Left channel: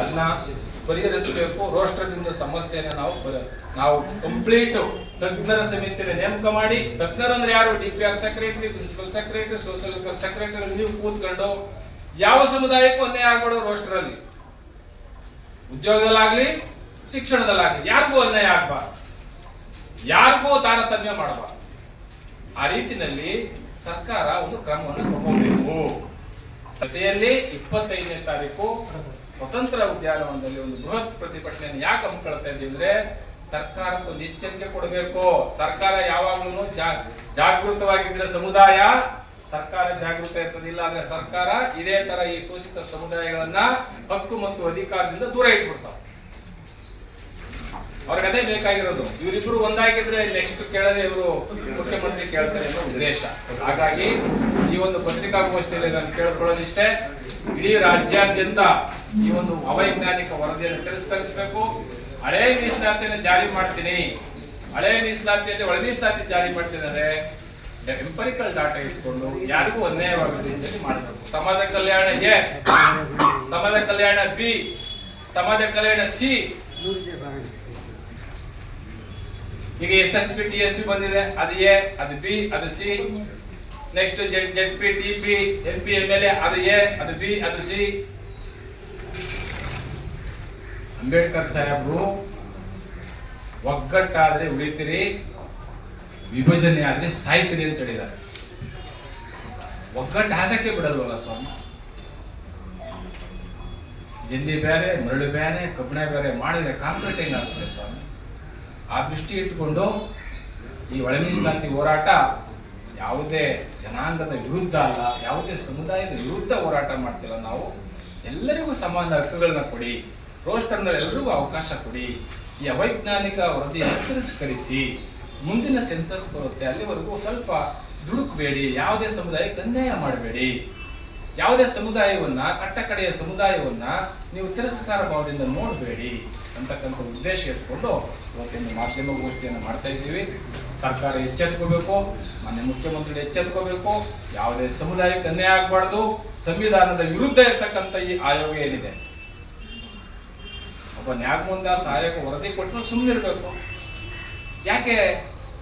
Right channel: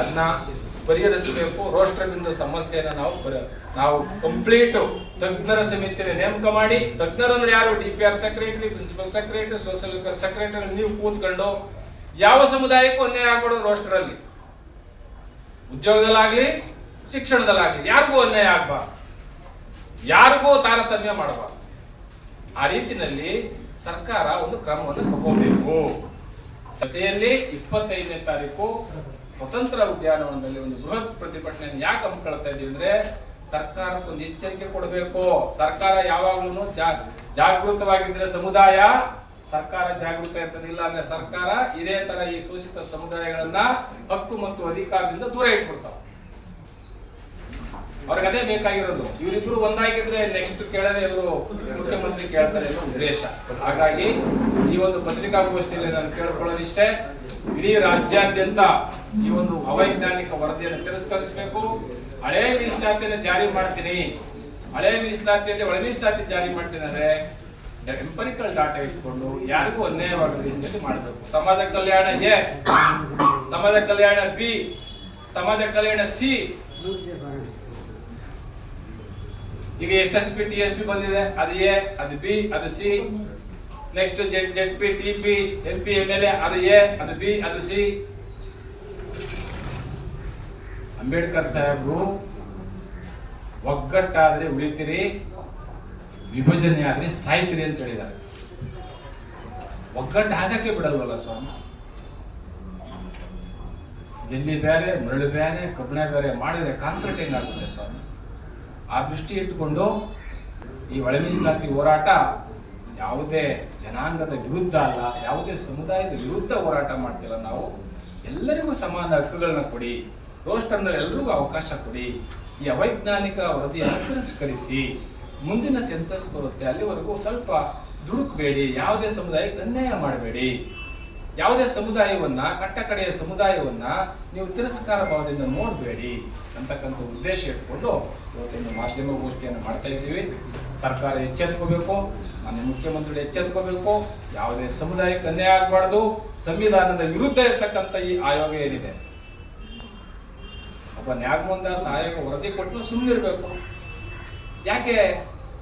ಅದನ್ನ ಪರಿಹರಿಸಬೇಕು. ರೋಸ್ಟರ್ನಿಂದ ಸಮಸ್ಯೆನ ನಾವು ಕಂಪ್ಲೀಟು ತಜ್ಞರ ಸಮಿತಿನ ನೇಮಕ ಮಾಡಿ, ತಜ್ಞರು ಅಂದ್ರೆ ಯಾರು? DPR secretary, principal secretary, social welfare secretary ನೀವು ಕೂತ್ಕೊಂಡು ಯಾವ ಸಮುದಾಯಕ್ಕೂ ಅನ್ಯಾಯ ಆಗ್ಬಾರ್ದು. ರೋಸ್ಟರಲ್ಲಿ ಉದ್ಯೋಗದಲ್ಲಾಗ್ಲಿ ಶಿಕ್ಷಣದಲ್ಲಾಗ್ಲಿ ಯಾರಿಗೂ ಅನ್ಯಾಯ ಆಗ್ಬಾರ್ದು, ಯಾರಿಗೂ ತಾರತಮ್ಯ ಮಾಡಬಾರ್ದು. ಆ ರೀತಿನಲ್ಲಿ ಸರ್ಕಾರ ಒಂದು ಕ್ರಮವನ್ನು ತಗೋಬೇಕು. ಜೊತೆಯಲ್ಲಿ 25ನೇ ತಾರೀಕು ಸ್ವತಂತ್ರ ಉದ್ಯಾನವನದಲ್ಲಿ ಒಂದು ಬೃಹತ್ ಪ್ರತಿಭಟನೆಯನ್ನು ಯಾಕೆ ಹಮ್ಮಿಕೊಳ್ತಾ ಇದ್ದೀವಿ ಅಂದ್ರೆ, ಸರ್ಕಾರಕ್ಕೊಂದು ಎಚ್ಚರಿಕೆ ಕೊಡಬೇಕು. ಸರ್ಕಾರ ಯಾವಾಗ್ಲೂ ಜಾಗೃತವಾಗಿದ್ರೆ ಸಮುದಾಯ, ಸರ್ಕಾರ ಜಾಗೃತ ಇರ್ತದೆ. ಇಲ್ಲ ಅಂದ್ರೆ ಸರ್ಕಾರ ಇದೇ ತರ ಈ ಶೋಷಿತ ಸಮುದಾಯಗಳನ್ನ ಹಕ್ಕು ಮತ್ತು ಅಧಿಕಾರದಿಂದ ದೂರ ಇಟ್ಬಿಡ್ತಾವ. ಅವ್ರಿಗೆ ಅದೇ ಬೇಕಾಗಿರೋದು. ಇವರಿಬ್ರು ಒಂದಾಗಿದ್ರೆ ನೆಕ್ಸ್ಟ್ ಕೇಳದೆ ಇವರು ಮುಖ್ಯಮಂತ್ರಿ ಕೇಳ್ತಾರೆ ಅನ್ನೋ ಉದ್ದೇಶ. ಹಾಗಾಗಿ ಈ ಒಂದು ಪತ್ರಿಕಾಗೋಷ್ಠಿಯಲ್ಲಿ ನಾನು ಕೇಳ್ಕೊಳ್ಳೋದಿಷ್ಟೇ, ಇಡೀ ರಾಜ್ಯಾದ್ಯಂತ ಈ ಒಂದು ಅವೈಜ್ಞಾನಿಕ ವರದಿಯನ್ನು ತಿರಸ್ಕರಿಸಬೇಕು. ಹಳೆ ಮೀಸಲಾತಿಯನ್ನು ಜಾರಿ ಮಾಡ್ತೀನಿ, ಹಳೆ ಮೀಸಲಾತಿಯಲ್ಲಿ ಒಳ ಮೀಸಲಾತಿ ಜಾರಿ ಮಾಡ್ತೀನಿ ಅಂದ್ರೆ ಎಂಪರಿಕಲ್ ಡಾಟಾ ಇಟ್ಕೊಂಡು ಯಾರಿಗೂ ಅನ್ಯಾಯವಾಗದ ರೀತಿಯಲ್ಲಿ ಮಾಡಬೇಕು. ಸಮಾಜ ಕಲ್ಯಾಣ ಎ, ಸಮಾಜ ಕಲ್ಯಾಣ ಬಿ, ಸಮಾಜ ಕಲ್ಯಾಣ ಸಿ. ಈಗ SSP TSP ಬಂದಿದೆ, ಅದು ಎ, ಅದು ಬಿ, ಅದು C. Next ZP TP MP MLA, ಅದು ಎ, ಅದು ಬಿ, ಅದು ಸಿ. ಅಂಬೇಡ್ಕರ್ ಸಾಹೇಬ್ರು ಒಗ್ಗಟ್ಟಾದ್ರೆ ಉಳಿತೀರಿ, ವಿಭಜನೆ ಆದ್ರೆ ಸಾಯ್ತೀರಿ ಅಂತ ಹೇಳಿದ್ದಾರೆ. ಒಗ್ಗಟ್ಟು ಆಗಕ್ಕೆ ಬಿಡಲ್ವಲ್ಲ ಸ್ವಾಮಿ. ಜಲ್ಲಿ ಬೇರೆ, ಮರಳು ಬೇರೆ, ಕಬ್ಬಿಣ ಬೇರೆ ಮಾಡಿದ್ರೆ ಕಾಂಕ್ರೀಟ್ ಹೆಂಗಾಗುತ್ತೆ ಸ್ವಾಮಿ. ಆ ದೃಷ್ಟಿ ಇಟ್ಕೊಂಡು ಈ ಒಳ ಮೀಸಲಾತಿ ಹೋರಾಟ ಯಾವುದೇ ಜನಾಂಗದ ವಿರುದ್ಧ ಅಲ್ಲ, ಯಾವುದೇ ಸಮುದಾಯದ ವಿರುದ್ಧ ಹೋರಾಟ ಮಾಡ್ತಿಲ್ಲ. ನಾವು ಎಲ್ಲರಿಗೂ ಸಮಾನ ಹಕ್ಕುಗಳನ್ನ ಕೊಡಿ, ರೋಸ್ಟರ್ನಲ್ಲಿ ಎಲ್ಲರಿಗೂ ಅವಕಾಶ ಕೊಡಿ. ಈ ಅವೈಜ್ಞಾನಿಕ ವರದಿಯನ್ನು ತಿರಸ್ಕರಿಸಿ. ಮುಂದಿನ ಸೆನ್ಸಸ್ ಬರುತ್ತೆ, ಅಲ್ಲಿವರೆಗೂ ಸ್ವಲ್ಪ ದುಡುಕಬೇಡಿ. ಯಾವುದೇ ಸಮುದಾಯಕ್ಕೆ ಅನ್ಯಾಯ ಮಾಡಬೇಡಿ. ಯಾವುದೇ ಸಮುದಾಯವನ್ನ, ಕಟ್ಟಕಡೆಯ ಸಮುದಾಯವನ್ನ ನೀವು ತಿರಸ್ಕಾರ ಭಾವದಿಂದ ನೋಡಬೇಡಿ ಅಂತಕ್ಕಂಥ ಉದ್ದೇಶ ಇಟ್ಕೊಂಡು ಇವತ್ತಿನ ಮಾಧ್ಯಮ ಗೋಷ್ಠಿಯನ್ನು ಮಾಡ್ತಾ ಇದ್ದೀವಿ. ಸರ್ಕಾರ ಎಚ್ಚೆತ್ಕೋಬೇಕು, ಮಾನ್ಯ ಮುಖ್ಯಮಂತ್ರಿ ಎಚ್ಚೆತ್ಕೋಬೇಕು. ಯಾವುದೇ ಸಮುದಾಯಕ್ಕೆ ಅನ್ಯಾಯ ಆಗಬಾರ್ದು. ಸಂವಿಧಾನದ ವಿರುದ್ಧ ಇರ್ತಕ್ಕಂಥ ಈ ಆಯೋಗ ಏನಿದೆ, ಒಬ್ಬ ನ್ಯಾಗಮುಂದ ಸಹಾಯಕ ವರದಿ ಕೊಟ್ಟು ಸುಮ್ಮನಿರ್ಬೇಕು. ಯಾಕೆ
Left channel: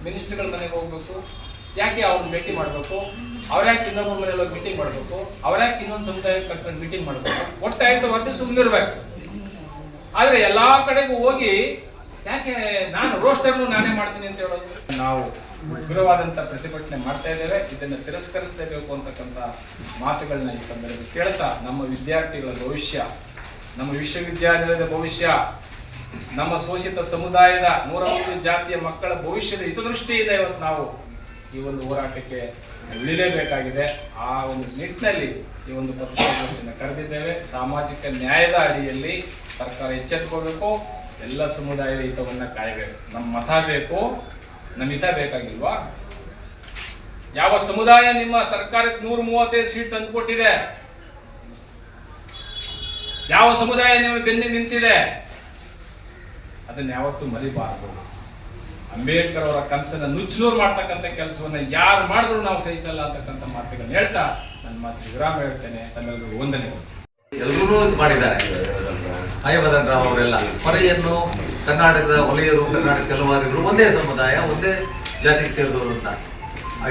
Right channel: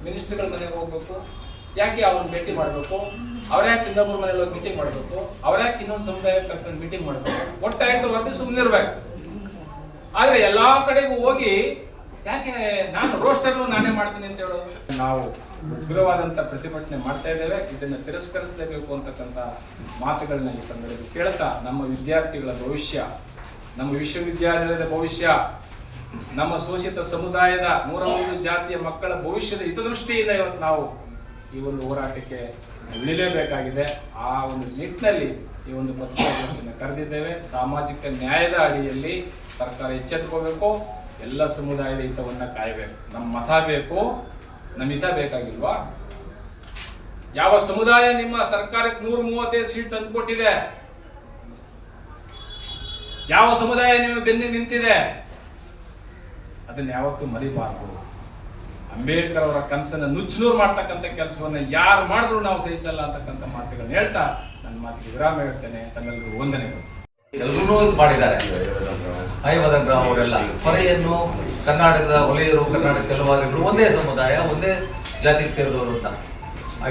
ಮಿನಿಸ್ಟ್ರಿಗಳ ಮನೆಗೆ ಹೋಗ್ಬೇಕು? ಯಾಕೆ ಅವ್ರನ್ನ ಭೇಟಿ ಮಾಡಬೇಕು? ಅವ್ರ್ಯಾಕೆ ಇನ್ನೊಬ್ಬರ ಮನೇಲಿ ಹೋಗಿ ಮೀಟಿಂಗ್ ಮಾಡಬೇಕು? ಅವ್ರ್ಯಾಕೆ ಇನ್ನೊಂದು ಸಮುದಾಯ ಕಟ್ಕೊಂಡು ಮೀಟಿಂಗ್ ಮಾಡಬೇಕು? ಒಟ್ಟಾಯ್ತು ವರದಿ ಸುಮ್ಮನಿರ್ಬೇಕು. ಆದ್ರೆ ಎಲ್ಲಾ ಕಡೆಗೂ ಹೋಗಿ ಯಾಕೆ ನಾನು ರೋಸ್ಟರ್ನು ನಾನೇ ಮಾಡ್ತೀನಿ ಅಂತ ಹೇಳೋದು? ನಾವು ಉಗ್ರವಾದಂತ ಪ್ರತಿಭಟನೆ ಮಾಡ್ತಾ ಇದ್ದೇವೆ, ಇದನ್ನು ತಿರಸ್ಕರಿಸಲೇಬೇಕು ಅಂತಕ್ಕಂಥ ಮಾತುಗಳನ್ನ ಈ ಸಂದರ್ಭದಲ್ಲಿ ಕೇಳ್ತಾ, ನಮ್ಮ ವಿದ್ಯಾರ್ಥಿಗಳ ಭವಿಷ್ಯ, ನಮ್ಮ ವಿಶ್ವವಿದ್ಯಾನಿಲಯದ ಭವಿಷ್ಯ, ನಮ್ಮ ಶೋಷಿತ ಸಮುದಾಯದ 103 ಜಾತಿಯ ಮಕ್ಕಳ ಭವಿಷ್ಯದ ಹಿತದೃಷ್ಟಿಯಿಂದ ಇವತ್ತು ನಾವು ಈ ಒಂದು ಹೋರಾಟಕ್ಕೆ ಇಳಿಲೇಬೇಕಾಗಿದೆ. ಆ ಒಂದು ನಿಟ್ಟಿನಲ್ಲಿ ಈ ಒಂದು ಪತ್ರಿಕಾಗೋಷ್ಠಿಯನ್ನು ಕರೆದಿದ್ದೇವೆ. ಸಾಮಾಜಿಕ ನ್ಯಾಯದ ಅಡಿಯಲ್ಲಿ ಸರ್ಕಾರ ಎಚ್ಚೆತ್ತುಕೋಬೇಕು, ಎಲ್ಲ ಸಮುದಾಯದ ಹಿತವನ್ನು ಕಾಯಬೇಕು. ನಮ್ಮ ಮತ ಬೇಕು, ನಮ್ಮ ಹಿತ ಬೇಕಾಗಿಲ್ವಾ? ಯಾವ ಸಮುದಾಯ ನಿಮ್ಮ ಸರ್ಕಾರಕ್ಕೆ 135 ಸೀಟ್ ತಂದುಕೊಟ್ಟಿದೆ? ಯಾವ ಸಮುದಾಯ ನಿಮ್ಮ ಬೆನ್ನಿ ನಿಂತಿದೆ? ಅದನ್ನ ಯಾವತ್ತೂ ಮರಿಬಾರದು. ಅಂಬೇಡ್ಕರ್ ಅವರ ಕನಸನ್ನು ನುಚ್ಚುನೂರು ಮಾಡ್ತಕ್ಕಂಥ ಕೆಲಸವನ್ನ ಯಾರು ಮಾಡಿದ್ರು ನಾವು ಸಹಿಸಲ್ಲ ಅಂತಕ್ಕಂಥ ಮಾತುಗಳನ್ನ ಹೇಳ್ತಾ ನನ್ನ ಮಾತಿಗೆ ವಿರಾಮ ಹೇಳ್ತೇನೆ. ತಮ್ಮೆಲ್ಲರಿಗೂ ವಂದನೆಗಳು. ಎಲ್ಲರೂ ಇದು ಮಾಡಿದ್ದಾರೆ. ಹಯವದನ್ ರಾವ್ ಅವರೆಲ್ಲ ಪರೆಯನ್ನು ಕರ್ನಾಟಕದ ಹೊಲೆಯರು, ಕರ್ನಾಟಕ ಚಲವಾದಿಗಳು ಒಂದೇ ಸಮುದಾಯ, ಒಂದೇ ಜಾತಿಗೆ ಸೇರಿದವರು ಅಂತ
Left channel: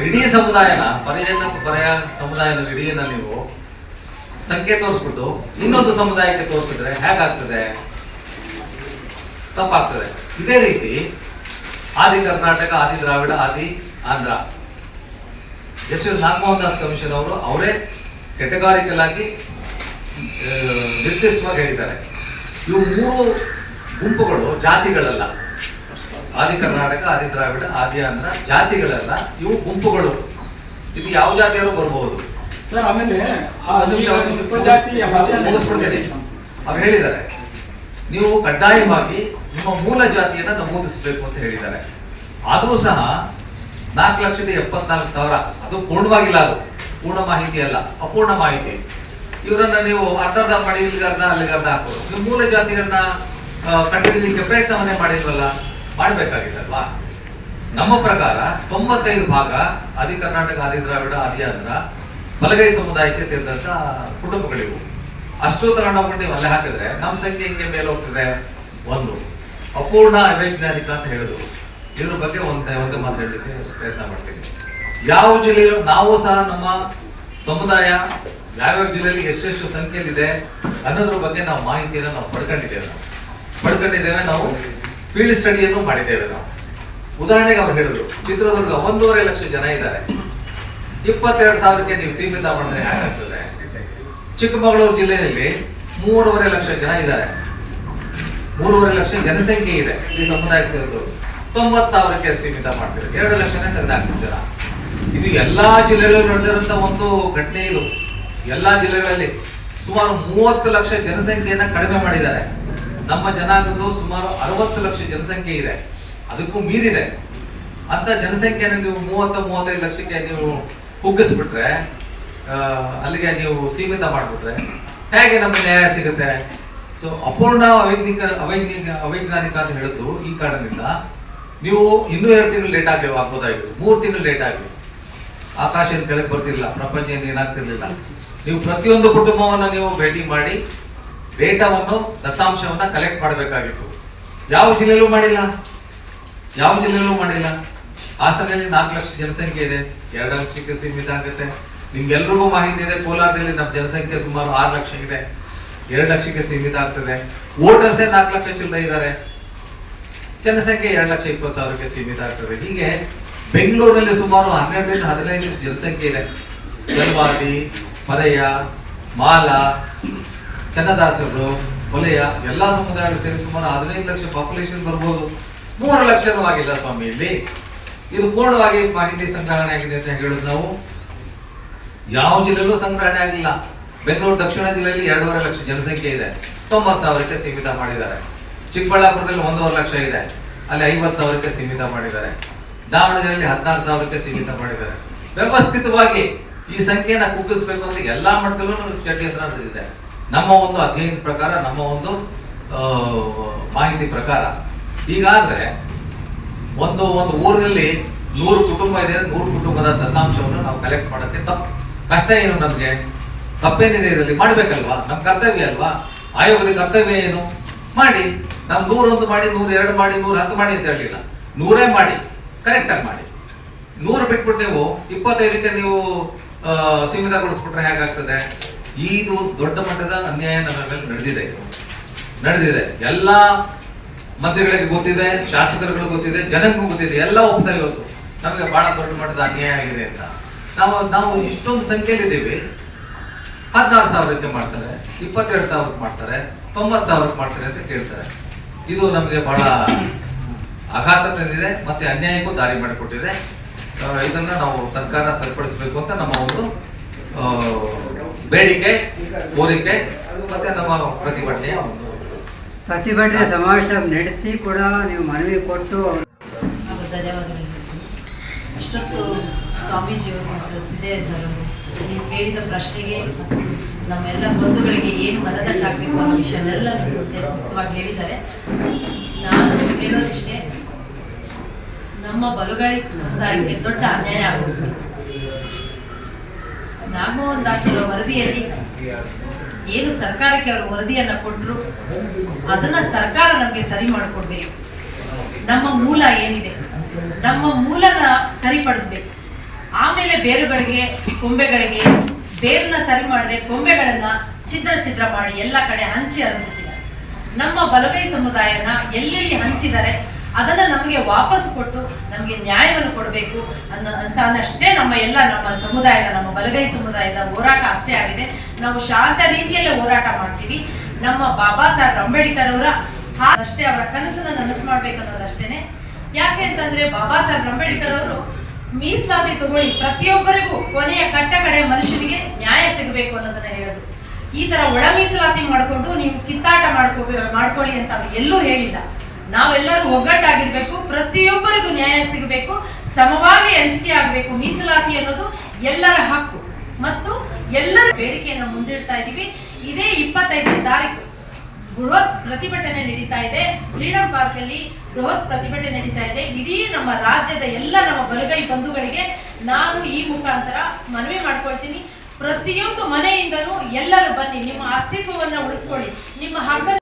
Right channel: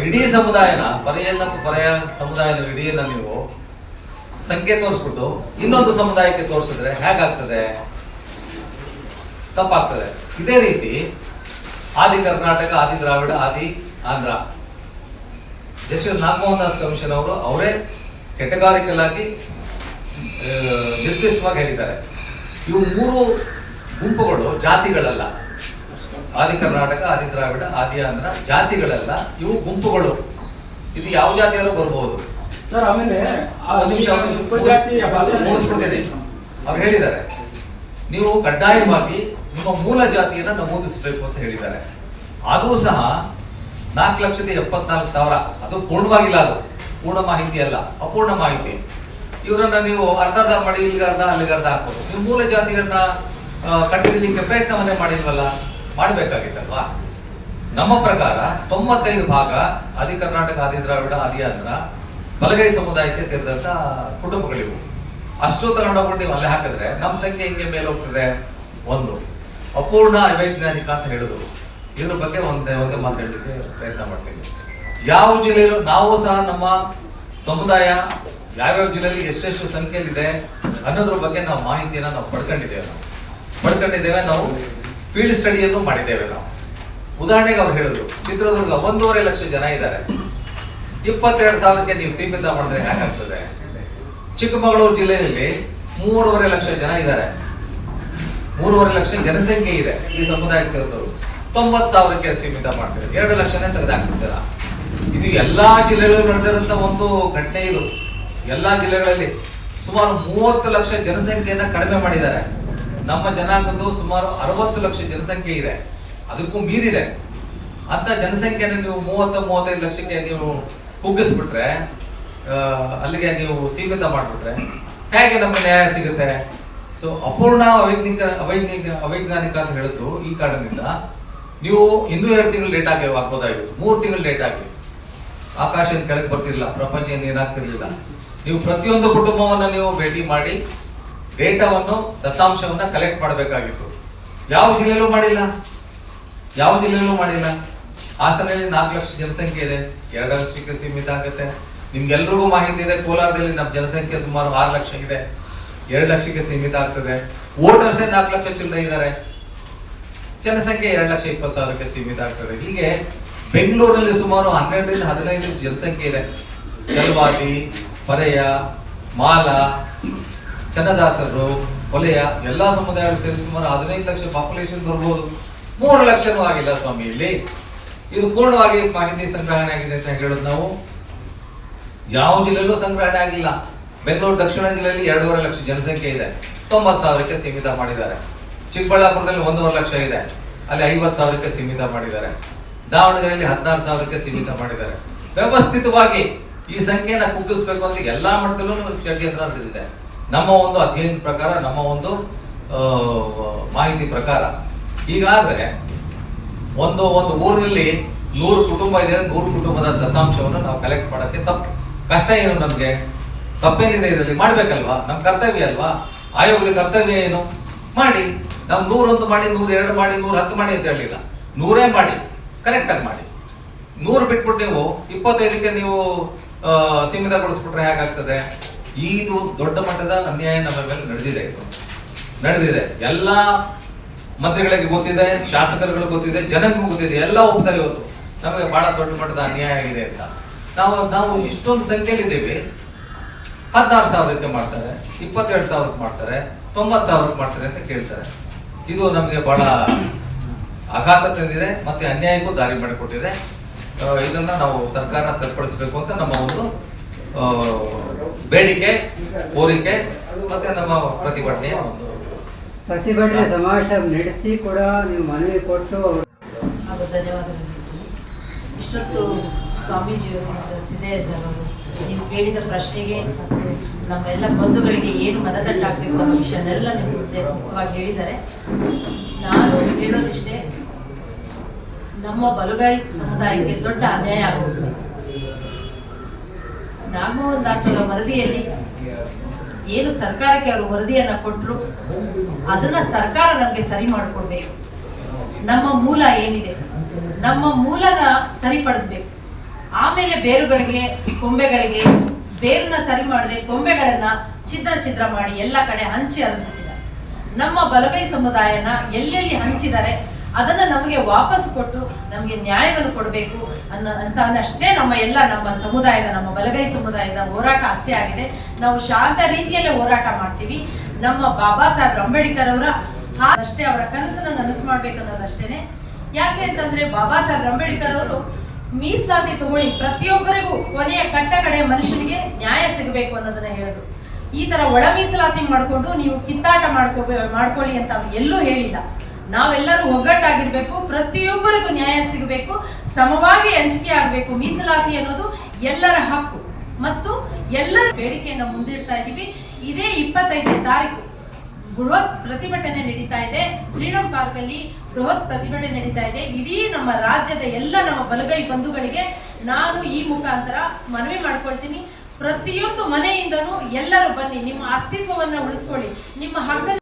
ಇಡೀ ಸಮುದಾಯನ ಪರೆಯ ಸಮುದಾಯದ ಇಡೀನ ನೀವು ಸಂಖ್ಯೆ ತೋರಿಸ್ಬಿಟ್ಟು ಇನ್ನೊಂದು ಸಮುದಾಯಕ್ಕೆ ತೋರಿಸಿದ್ರೆ ಹೇಗಾಗ್ತದೆ? ತಪ್ಪಾಗ್ತದೆ. ಇದೇ ರೀತಿ ಆದಿ ಕರ್ನಾಟಕ, ಆದಿ ದ್ರಾವಿಡ, ಆದಿ ಆಂಧ್ರ, ಜಸ್ಟಿಸ್ ನಾಗಮೋಹನ್ ದಾಸ್ ಕಮಿಷನ್ ಅವರು ಅವರೇ ಕೆಟಗಾರಿಕಲ್ ಆಗಿ ನಿರ್ದಿಷ್ಟವಾಗಿ ಹೇಳಿದ್ದಾರೆ. ಇವು 3 ಗುಂಪುಗಳು ಜಾತಿಗಳಲ್ಲ. ಆದಿ ಕರ್ನಾಟಕ, ಆದಿ ದ್ರಾವಿಡ, ಆದಿ ಆಂಧ್ರ ಜಾತಿಗಳಲ್ಲ, ಇವು ಗುಂಪುಗಳು. ಇದು ಯಾವ ಜಾತಿಯವರು ಬರ್ಬೋದು ಸರ್. ಆಮೇಲೆ ಮುಗಿಸ್ಬಿಡ್ತೇನೆ. ಅವ್ರು ಹೇಳಿದ್ದಾರೆ ನೀವು ಕಡ್ಡಾಯವಾಗಿ ನಿಮ್ಮ ಮೂಲ ಜಾತಿಯನ್ನ ನಮೂದಿಸಬೇಕು ಅಂತ ಹೇಳಿದ್ದಾರೆ. ಆದರೂ ಸಹ 4,74,000 ಅದು ಪೂರ್ಣವಾಗಿಲ್ಲ, ಅದು ಪೂರ್ಣ ಮಾಹಿತಿ ಅಲ್ಲ, ಅಪೂರ್ಣ ಮಾಹಿತಿ. ಇವರನ್ನ ನೀವು ಅರ್ಧ ಮಾಡಿ ಇಲ್ಲಿಗೆ ಅರ್ಧ ಅಲ್ಲಿಗೆ ಅರ್ಧ ಹಾಕೋದು. ನೀವು ಮೂಲ ಜಾತಿಯನ್ನ ಕಂಡುಹಿಡಿಯಲಿಕ್ಕೆ ಪ್ರಯತ್ನವನ್ನೇ ಮಾಡಿಲ್ವಲ್ಲ, ಮಾಡಬೇಕಾಗಿತ್ತಲ್ವಾ? ನಮ್ಮ ಪ್ರಕಾರ 95 ಭಾಗ ಆದಿ ಕರ್ನಾಟಕ, ಆದಿ ದ್ರಾವಿಡ, ಆದಿ ಆಂಧ್ರ ಬಲಗೈ ಸಮುದಾಯಕ್ಕೆ ಸೇರಿದಂತ ಕುಟುಂಬಗಳಿವು. ಅಷ್ಟು ತಗೊಂಡೋಗ್ಬಿಟ್ಟು ನೀವು ಅಲ್ಲೇ ಹಾಕಿದ್ರೆ ನಮ್ಮ ಸಂಖ್ಯೆ ಹಿಂಗೆ ಮೇಲೆ ಹೋಗ್ತದೆ. ಒಂದು ಅಪೂರ್ಣ ಅವೈಜ್ಞಾನಿಕ ಅಂತ ಹೇಳಿದ್ರು. ಇದ್ರ ಬಗ್ಗೆ ಒಂದೇ ಮಾತು ಹೇಳಲಿಕ್ಕೆ ಪ್ರಯತ್ನ ಮಾಡ್ತೀನಿ. ಯಾವ ಜಿಲ್ಲೆಯಲ್ಲೂ ನಾವು ಸಹ ನಮ್ಮ ಸಮುದಾಯ ಯಾವ್ಯಾವ ಜಿಲ್ಲೆಯಲ್ಲಿ ಎಷ್ಟೆಷ್ಟು ಸಂಖ್ಯೆಯಲ್ಲಿದೆ ಅನ್ನೋದ್ರ ಬಗ್ಗೆ ನಾವು ಮಾಹಿತಿಯನ್ನು ನಾವು ಪಡ್ಕೊಂಡಿದ್ದೇವೆ. ನಾವು ಫೀಲ್ಡ್ ಸ್ಟಡಿಯನ್ನು ಮಾಡಿದ್ದೇವೆ. ನಾವು ಉದಾಹರಣೆಗೆ ಅವ್ರು ಹೇಳಿದ್ರು, ಚಿತ್ರದುರ್ಗ 1.5 ಲಕ್ಷ ಜನ ಇದ್ದಾರೆ, 22,000ಕ್ಕೆ ನೀವು ಸೀಮಿತ ಮಾಡಿದ್ರೆ ಹೇಗಾಗ್ತದೆ? ಚಿಕ್ಕಮಗಳೂರು ಜಿಲ್ಲೆಯಲ್ಲಿ 3.5 ಲಕ್ಷ ಜನ ಇದ್ದಾರೆ, 3.5 ಲಕ್ಷ ಜನಸಂಖ್ಯೆ ಇದೆ ಈ ಸಮುದಾಯಕ್ಕೆ ಸೇರಿದವರು. 90,000ಕ್ಕೆ ಸೀಮಿತ ಮಾಡ್ತಾರೆ, 2 ಲಕ್ಷನೇ ತೆಗೆದಾಕ್ಬಿಡ್ತೀರಾ. ಇದು ಎಲ್ಲಾ ಜಿಲ್ಲೆಗಳಲ್ಲಿ ನಡೆದಿರುವಂತ ಒಂದು ಘಟನೆ. ಇದು ಎಲ್ಲಾ ಜಿಲ್ಲೆಗಳಲ್ಲಿ ಸುಮಾರು 30 ಲಕ್ಷ ಜನಸಂಖ್ಯೆಯನ್ನ ಕಡಿಮೆ ಮಾಡಿದ್ದಾರೆ. ನಮ್ಮ ಜನಾಂಗದ್ದು ಸುಮಾರು 60 ಲಕ್ಷ ಜನಸಂಖ್ಯೆ ಇದೆ, ಅದಕ್ಕೂ ಮೀರಿದೆ. ಅಂತ ಜನಸಂಖ್ಯೆಯನ್ನು ನೀವು 30-35 ಲಕ್ಷಕ್ಕೆ ನೀವು ಕುಗ್ಗಿಸ್ಬಿಟ್ರೆ, ಅಲ್ಲಿಗೆ ನೀವು ಸೀಮಿತ ಮಾಡಿಬಿಟ್ರೆ ಹೇಗೆ ನಮಗೆ ನ್ಯಾಯ ಸಿಗುತ್ತೆ? ಸೊ ಅಪೂರ್ಣ ಅವೈಜ್ಞಾನಿಕ ಅಂತ ಹೇಳಿದ್ದು ಈ ಕಾರಣದಿಂದ ನೀವು ಇನ್ನೂ 2 ತಿಂಗಳು ಲೇಟ್ ಆಗಿ ಆಗ್ಬೋದಾಗಿತ್ತು, 3 ತಿಂಗಳು ಲೇಟ್ ಆಗಿ. ಆಕಾಶ ಏನು ಕೆಳಗೆ ಬರ್ತಿರ್ಲಿಲ್ಲ, ಪ್ರಪಂಚ ಏನು ಏನಾಗ್ತಿರ್ಲಿಲ್ಲ. ನೀವು ಪ್ರತಿಯೊಂದು ಕುಟುಂಬವನ್ನು ನೀವು ಭೇಟಿ ಮಾಡಿ ಡೇಟಾವನ್ನು, ದತ್ತಾಂಶವನ್ನ ಕಲೆಕ್ಟ್ ಮಾಡಬೇಕಾಗಿತ್ತು. ಯಾವ ಜಿಲ್ಲೆಯಲ್ಲೂ ಮಾಡಿಲ್ಲ. ಹಾಸನಲ್ಲಿ 4 ಲಕ್ಷ ಜನಸಂಖ್ಯೆ ಇದೆ, 2 ಲಕ್ಷಕ್ಕೆ ಸೀಮಿತ ಆಗುತ್ತೆ. ನಿಮ್ಗೆಲ್ರಿಗೂ ಮಾಹಿತಿ ಇದೆ, ಕೋಲಾರದಲ್ಲಿ ನಮ್ಮ ಜನಸಂಖ್ಯೆ ಸುಮಾರು 6 ಲಕ್ಷ ಇದೆ, 2 ಲಕ್ಷಕ್ಕೆ ಸೀಮಿತ ಆಗ್ತದೆ. ವೋಟರ್ಸೇ 4 ಲಕ್ಷ ಚಿಲ್ಲರೆ ಇದ್ದಾರೆ, ಜನಸಂಖ್ಯೆ 2,20,000ಕ್ಕೆ ಸೀಮಿತ ಆಗ್ತದೆ. ಹೀಗೆ ಬೆಂಗಳೂರಲ್ಲಿ ಸುಮಾರು 12-15 ಜನಸಂಖ್ಯೆ ಇದೆ. ಚಲವಾದಿ, ಪರೆಯ, ಮಾಲ, ಚನ್ನದಾಸರು, ವಲಯ ಎಲ್ಲಾ ಸಮುದಾಯಗಳು ಸೇರಿ ಸುಮಾರು 15 ಲಕ್ಷ ಪಾಪ್ಯುಲೇಷನ್ ಬರ್ಬೋದು. 3 ಲಕ್ಷನೂ ಆಗಿಲ್ಲ ಸ್ವಾಮಿ ಇಲ್ಲಿ. ಇದು ಪೂರ್ಣವಾಗಿ ಮಾಹಿತಿ ಸಂಗ್ರಹಣೆ ಆಗಿದೆ ಅಂತ ಹೇಳೋದು ನಾವು. ಯಾವ ಜಿಲ್ಲೆಯಲ್ಲೂ ಸಂಗ್ರಹಣೆ ಆಗಿಲ್ಲ. ಬೆಂಗಳೂರು ದಕ್ಷಿಣ ಜಿಲ್ಲೆಯಲ್ಲಿ 2.5 ಲಕ್ಷ ಜನಸಂಖ್ಯೆ ಇದೆ, 90,000ಕ್ಕೆ ಸೀಮಿತ ಮಾಡಿದ್ದಾರೆ. ಚಿಕ್ಕಬಳ್ಳಾಪುರದಲ್ಲಿ 1.5 ಲಕ್ಷ ಇದೆ, ಅಲ್ಲಿ 50,000ಕ್ಕೆ ಸೀಮಿತ ಮಾಡಿದ್ದಾರೆ. ದಾವಣಗೆರೆಯಲ್ಲಿ 16,000ಕ್ಕೆ ಸೀಮಿತ ಮಾಡಿದ್ದಾರೆ. ವ್ಯವಸ್ಥಿತವಾಗಿ ಈ ಸಂಖ್ಯೆಯನ್ನ ಕುಗ್ಗಿಸ್ಬೇಕು ಅಂತ ಎಲ್ಲಾ ಮಟ್ಟದಲ್ಲೂ ಷಡ್ಯಂತ್ರ ನಡೆದಿದೆ. ನಮ್ಮ ಒಂದು ಅಧ್ಯಯನದ ಪ್ರಕಾರ, ನಮ್ಮ ಒಂದು ಮಾಹಿತಿ ಪ್ರಕಾರ. ಹೀಗಾದ್ರೆ ಒಂದು ಊರಿನಲ್ಲಿ 100 ಕುಟುಂಬ ಇದೆ, 100 ಕುಟುಂಬದ ದತ್ತಾಂಶವನ್ನು ನಾವು ಕಲೆಕ್ಟ್ ಮಾಡೋಕ್ಕೆ ಕಷ್ಟ ಏನು? ನಮ್ಗೆ ತಪ್ಪೇನಿದೆ ಇದರಲ್ಲಿ? ಮಾಡ್ಬೇಕಲ್ವಾ? ನಮ್ಮ ಕರ್ತವ್ಯ ಅಲ್ವಾ? ಆಯೋಗದ ಕರ್ತವ್ಯ ಏನು? ಮಾಡಿ. ನಾವು 101 ಮಾಡಿ, 102 ಮಾಡಿ, 110 ಮಾಡಿ ಅಂತ ಹೇಳಿಲ್ಲ, 100 ಮಾಡಿ, ಕರೆಕ್ಟ್ ಆಗಿ ಮಾಡಿ. 100 ಬಿಟ್ಬಿಟ್ಟು ನೀವು 25ಕ್ಕೆ ನೀವು ಸೀಮಿತಗೊಳಿಸ್ಬಿಟ್ರೆ ಹೇಗಾಗ್ತದೆ? ಇದು ದೊಡ್ಡ ಮಟ್ಟದ ಅನ್ಯಾಯ ನಮ್ಮ ಮೇಲೆ ನಡೆದಿದೆ. ಎಲ್ಲ ಮಂತ್ರಿಗಳಿಗೆ ಗೊತ್ತಿದೆ, ಶಾಸಕರುಗಳು ಗೊತ್ತಿದೆ, ಜನಕ್ಕೂ ಗೊತ್ತಿದೆ, ಎಲ್ಲ ಒಪ್ತಾರೆ. ಇವತ್ತು ನಮಗೆ ಬಹಳ ದೊಡ್ಡ ಮಟ್ಟದ ಅನ್ಯಾಯ ಆಗಿದೆ ಅಂತ. ನಾವು ಇಷ್ಟೊಂದು ಸಂಖ್ಯೆಯಲ್ಲಿದ್ದೀವಿ. 16,000ಕ್ಕೆ ಮಾಡ್ತಾರೆ, 22,000ಕ್ಕೆ ಮಾಡ್ತಾರೆ, 90,000ಕ್ಕೆ ಮಾಡ್ತಾರೆ ಅಂತ ಕೇಳ್ತಾರೆ. ಇದು ನಮಗೆ ಬಹಳ ಆಘಾತ ತಂದಿದೆ, ಮತ್ತೆ ಅನ್ಯಾಯಕ್ಕೂ ದಾರಿ ಮಾಡಿಕೊಟ್ಟಿದೆ. ಇದನ್ನ ನಾವು ಸರ್ಕಾರ ಸರಿಪಡಿಸಬೇಕು ಅಂತ ನಮ್ಮ ಒಂದು ಬೇಡಿಕೆ, ಕೋರಿಕೆ, ಮತ್ತೆ ನಮ್ಮ ಪ್ರತಿಭಟನೆಯ ಸಮಾವೇಶ ನಡೆಸಿ ಕೂಡ ನೀವು ಮನವಿ ಕೊಟ್ಟು ಧನ್ಯವಾದಗಳು. ಇಷ್ಟೊತ್ತು ಸ್ವಾಮೀಜಿಯವರು ಮತ್ತು ಸಿದ್ದಯ್ಯ ಸರ್ ಅವರು ನೀವು ಕೇಳಿದ ಪ್ರಶ್ನೆಗೆ ಮತ್ತು ನಮ್ಮೆಲ್ಲ ಬಂಧುಗಳಿಗೆ ಏನು ಮನದಟ್ಟಾಗಬೇಕು ಅನ್ನೋ ವಿಷಯನೆಲ್ಲ ನೀವು ಮುಕ್ತವಾಗಿ ಹೇಳಿದ್ದಾರೆ. ನಾನು ಹೇಳೋದಿಷ್ಟೇ, ನಮ್ಮ ಬಲಗೈ ಸಮುದಾಯಕ್ಕೆ ದೊಡ್ಡ ಅನ್ಯಾಯ ಆಗೋದು. ನಾಗಮೋಹನ್ ದಾಸ್ ಅವರ ವರದಿಯಲ್ಲಿ ಏನು ಸರ್ಕಾರಕ್ಕೆ ಅವರು ವರದಿಯನ್ನ ಕೊಟ್ಟರು ಅದನ್ನ ಸರ್ಕಾರ ನಮಗೆ ಸರಿ ಮಾಡಿಕೊಡ್ಬೇಕು. ನಮ್ಮ ಮೂಲ ಏನಿದೆ, ನಮ್ಮ ಮೂಲನ ಸರಿಪಡಿಸ್ಬೇಕು. ಆಮೇಲೆ ಬೇರುಗಳಿಗೆ, ಕೊಂಬೆಗಳಿಗೆ ಬೇರನ್ನ ಸರಿ ಮಾಡದೆ ಕೊಂಬೆಗಳನ್ನ ಛಿದ್ರ ಮಾಡಿ ಎಲ್ಲ ಕಡೆ ಹಂಚಿ ಹರಿದ್ಬಿಟ್ಟಿದ್ದಾರೆ. ನಮ್ಮ ಬಲಗೈ ಸಮುದಾಯನ ಎಲ್ಲೆಲ್ಲಿ ಹಂಚಿದ್ದಾರೆ ಅದನ್ನ ನಮಗೆ ವಾಪಸ್ ಕೊಟ್ಟು ನಮಗೆ ನ್ಯಾಯವನ್ನು ಕೊಡಬೇಕು ಅನ್ನಷ್ಟೇ ನಮ್ಮ ಸಮುದಾಯದ, ನಮ್ಮ ಬಲಗೈ ಸಮುದಾಯದ ಹೋರಾಟ ಅಷ್ಟೇ ಆಗಿದೆ. ನಾವು ಶಾಂತ ರೀತಿಯಲ್ಲೇ ಹೋರಾಟ ಮಾಡ್ತೀವಿ. ನಮ್ಮ ಬಾಬಾ ಸಾಹೇಬ್ ಅಂಬೇಡ್ಕರ್ ಅವರ ಅಷ್ಟೇ, ಅವರ ಕನಸನ್ನು ನನಸು ಮಾಡ್ಬೇಕು ಅನ್ನೋದಷ್ಟೇನೆ. ಯಾಕೆ ಅಂತಂದ್ರೆ ಬಾಬಾ ಸಾಹೇಬ್ ಅಂಬೇಡ್ಕರ್ ಅವರು ಮೀಸಲಾತಿ ತಗೊಳ್ಳಿ, ಪ್ರತಿಯೊಬ್ಬರಿಗೂ ಕೊನೆಯ ಕಡೆ ಮನುಷ್ಯನಿಗೆ ನ್ಯಾಯ ಸಿಗಬೇಕು ಅನ್ನೋದನ್ನ ಹೇಳಿದ್ರು. ಈ ತರ ಒಳ ಮೀಸಲಾತಿ ಮಾಡ್ಕೊಂಡು ನೀವು ಕಿತ್ತಾಟ ಮಾಡ್ಕೊಳ್ಳಿ ಅಂತ ಅವ್ರು ಎಲ್ಲೂ ಹೇಳಿಲ್ಲ. ನಾವೆಲ್ಲರೂ ಒಗ್ಗಟ್ಟಾಗಿರ್ಬೇಕು, ಪ್ರತಿಯೊಬ್ಬರಿಗೂ ನ್ಯಾಯ ಸಿಗಬೇಕು, ಸಮವಾಗಿ ಹಂಚಿಕೆ ಆಗಬೇಕು. ಮೀಸಲಾತಿ ಅನ್ನೋದು ಎಲ್ಲರ ಹಕ್ಕು ಮತ್ತು ಎಲ್ಲರ ಬೇಡಿಕೆಯನ್ನು ಮುಂದಿಡ್ತಾ ಇದ್ದೀವಿ. ಇದೇ 25ನೇ ತಾರೀಕು ಬೃಹತ್ ಪ್ರತಿಭಟನೆ ನಡೀತಾ ಇದೆ. ಫ್ರೀಡಂ ಪಾರ್ಕ್ ಅಲ್ಲಿ ಬೃಹತ್ ಪ್ರತಿಭಟನೆ ನಡೀತಾ ಇದೆ. ಇಡೀ ನಮ್ಮ ರಾಜ್ಯದ ಎಲ್ಲ ನಮ್ಮ ಬಲಗೈ ಬಂಧುಗಳಿಗೆ ನಾನು ಈ ಮುಖಾಂತರ ಮನವಿ ಮಾಡ್ಕೊಳ್ತೀನಿ, ಪ್ರತಿಯೊಂದು ಮನೆಯಿಂದನೂ ಎಲ್ಲರೂ ಬನ್ನಿ, ನಿಮ್ಮ ಅಸ್ತಿತ್ವವನ್ನ ಉಳಿಸ್ಕೊಳ್ಳಿ, ನಿಮ್ಮ ಹಬ್ಬ